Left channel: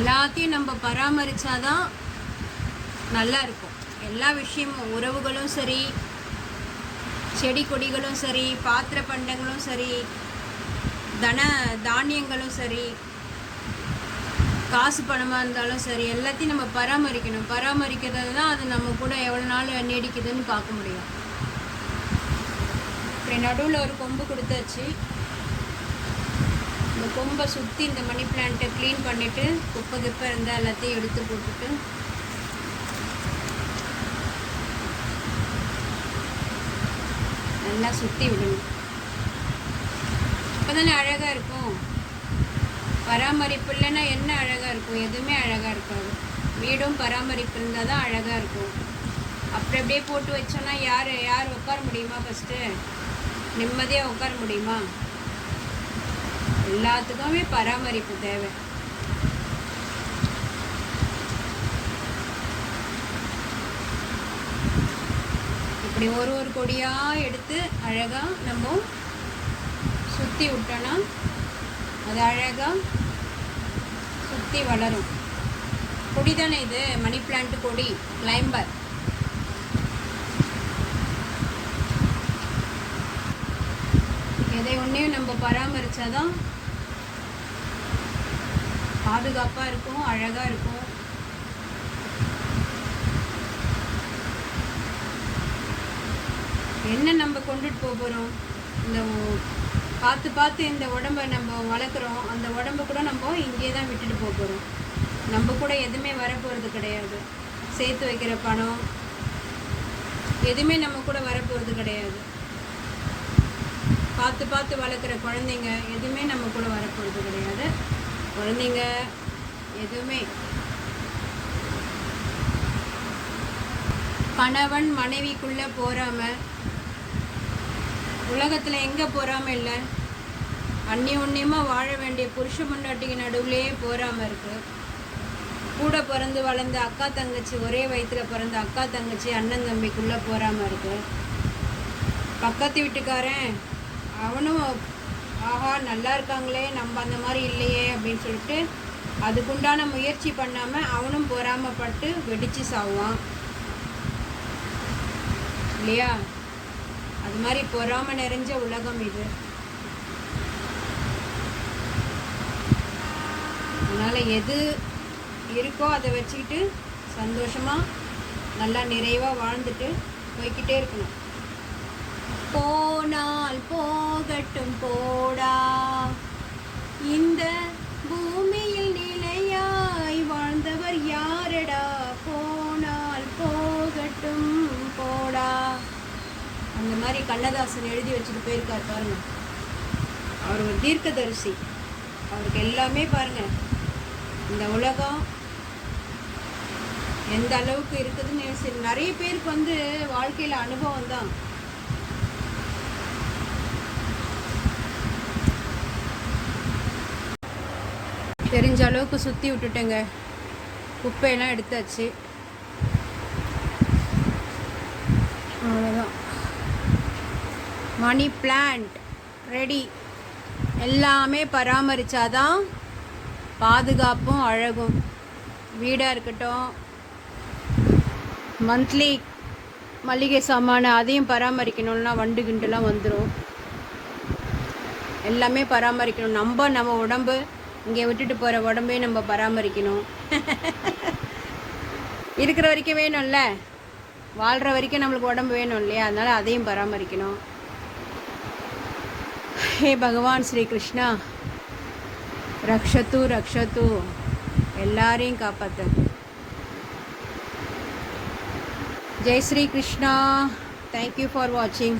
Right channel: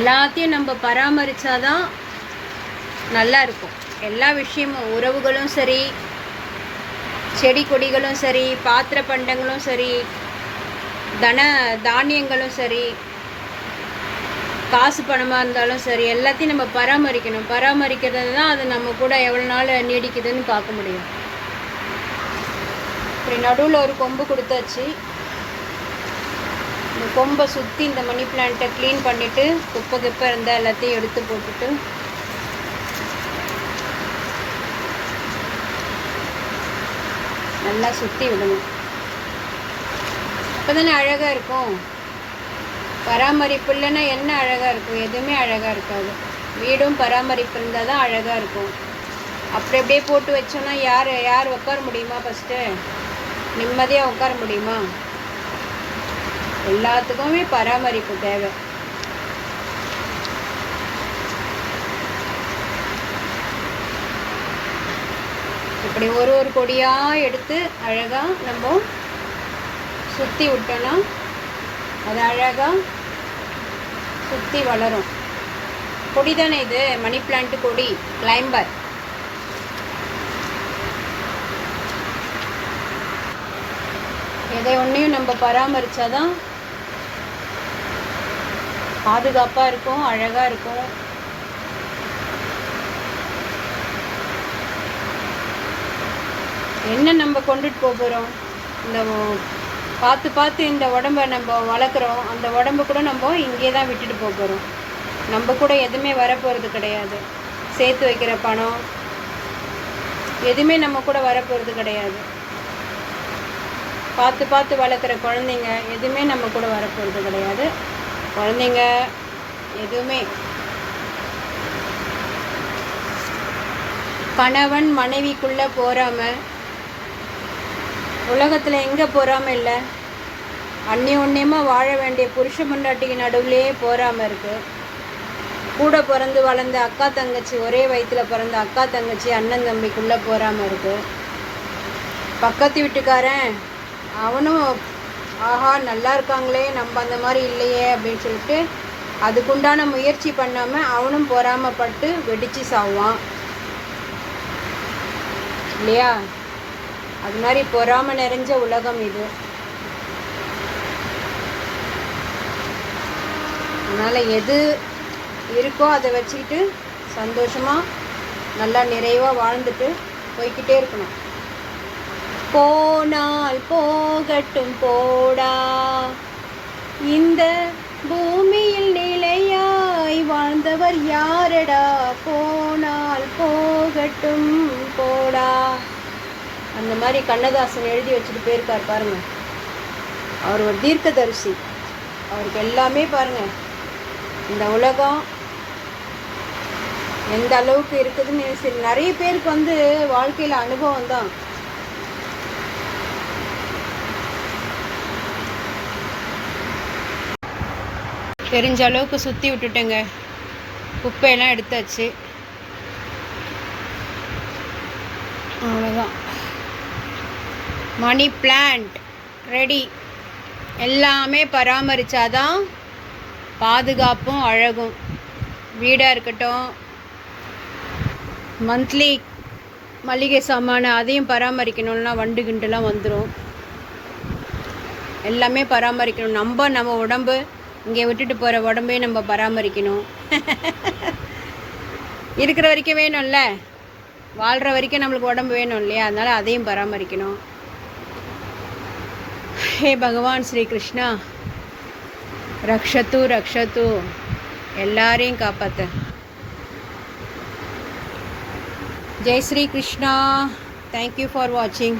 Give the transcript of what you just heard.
எல்லாத்தையும் நம்ம பராமரித்தாதான் நல்லா இருக்கும். எல்லா விஷயமும், உறவுகளும் சரி, செடி கொடிகளும் சரி, பாத்திர பண்டங்களும் சரி, தானியங்களும் சரி, காசு பணமாக இருந்தாலும் சரி, எல்லாத்தையும் நம்ம பராமரிக்கணும். பராமரிக்கிறது தான் அது நம்ம கூட எவ்வளோ நாள் நீடிக்குதுன்னு பார்க்க முடியும். இப்படி நடுவில் ஒரு கொம்பு கொடுத்தாச்சு. இந்த கொம்பை சுற்றி இந்த மணி பிளான்ட்டை க்ளீன் பண்ணிவிட்டு குப்பை கிப்பை இருந்தால் எல்லாத்தையும் எடுத்து போட்டுட்டு நல்லா சுற்றி விடணும். அப்போ தானே அழகாக இருக்கும். பராமரிப்பு இல்லைன்னா என்ன அழகாக இருக்கும்? எதுவுமே அழகாக இருக்காது. வீடும் பராமரிப்பு இருந்தால் தான் அழகாக இருக்கும். அப்படியே போட்டு வச்சோன்னா யார் உட்கார முடியுமா? ஃபஸ்ட்டு நிம்மதியாக உட்கார முடியுமா? எல்லாத்துக்குமே பராமரிப்பு தேவை. இப்படி ஒரு கொடியாக எடுத்து அழகாக நம்ம சுற்றி விட்டோன்னா அது அழகாக சுற்றி வளரும். கொடி தானே இது, மணி பிளான்ட் கொடி, கிளைம்பர். எதை ஒன்றையும் நம்ம பராமரித்தாதான் பாதுகாப்பாக இருக்கும், அழகாக இருக்கும். என்ன நம்ம கொண்டுட்டு போகிறோம்? இந்த பார்த்து இந்த உடம்பை நம்ம வளர்க்குறோம். அந்த உடம்பு கூட நம்ம இங்கே தான் விட்டுட்டு போகிறோம். நம்ம கூட எதுவுமே வரப்போகிறது கிடையாது. சேர்த்து வைக்கிற பணம் எதுவுமே நம்ம கூட வரப்போகிறது கிடையாது. பார்த்து வளர்க்குற குழந்தைங்க எதுவுமே நம்ம கூட வரப்போகிறது கிடையாது. குழந்தைங்க எதுவுமே. கணவன் மனைவிக்குள்ளே போகாமல் உலகத்தில் எங்கே போகாமல் இல்லை. அந்நியமாக வாழ வேண்டிய புருஷ பொண்டாட்டிக்கு நடுவுலேயே போகாமல் இருக்குது. கூட பிறந்து வளர்ந்த அக்கா தங்கச்சி, ஒரே வயிற்றில் பிறந்த அக்கா தங்கச்சி அண்ணன் தம்பிக்குள்ளே போகாமல் இருக்குது. பக்கத்து வீட்டுக்காரன் அவனும் ஆஹா நல்லா இருக்காங்களே, நம்ம அந்த மாதிரி இல்லையே அப்படின்னு சொல்லிட்டு அதுக்குண்டான முயற்சி பண்ணாமல் அவனும் பொறாமப்பட்டு வெடித்து சாவான் இல்லையா? அது மாதிரி பொறாமை நிறைஞ்ச உலகம் இது. அதனால் எது இருக்கோ அதை வச்சுக்கிட்டு சந்தோஷமாக நல்லா நிறைவாக வாழ்ந்துட்டு போய்கிட்டே இருக்கணும். போனால் போகட்டும் போடா, இந்த பூமியில் நிலையாய் வாழ்ந்தவர் யாரடா, போனால் போகட்டும் போடா. அந்த மாதிரி கண்ணதாசன் எழுதி வச்சுட்டு போயிருக்கார் பாருங்க. அவர் ஒரு தீர்க்கதரிசி. அவருக்கு எல்லாமே பாருங்க, இந்த உலகம் எந்த அளவுக்கு இருக்குதுன்னு சரி. நிறைய பேருக்கு வாழ்க்கையில் அனுபவம் தான். தெரிஞ்ச அளவுக்கு சுற்றி விட்டுட்டேங்க. குப்பையெல்லாம் எடுத்தாச்சு. அவ்வளோதான். Money plant ready. எல்லாமே பராமரித்தாதான் பாதுகாப்பும் அழகும். வீடாக இருக்கட்டும், மந்த்லி மளிகை சாமான அதையும் பராமரிக்கணும்னா வண்டு கிண்டுலாம் வந்துடும். எல்லாமே பராமரிக்கணும். நம்ம உடம்பு இங்கே விட்டுட்டு போகிற உடம்பையும் நம்ம பராமரிக்கணும். இருக்கிற வரைக்கும் வேணும்ல, வாழ்கிற வரைக்கும் நம்மளுக்கு உடம்பு வேணும் இல்லையா? அதனால் அதையும் பராமரிக்கணும். ஹே பகவான் ஸ்ரீ கிருஷ்ணா, ரக்ஷத்து ரக்ஷத்து, எல்லாரையும் காப்பாற்று. ஜெய் ஸ்ரீ கிருஷ்ணா. தேங்க்யூ ஃபார் வாட்சிங்.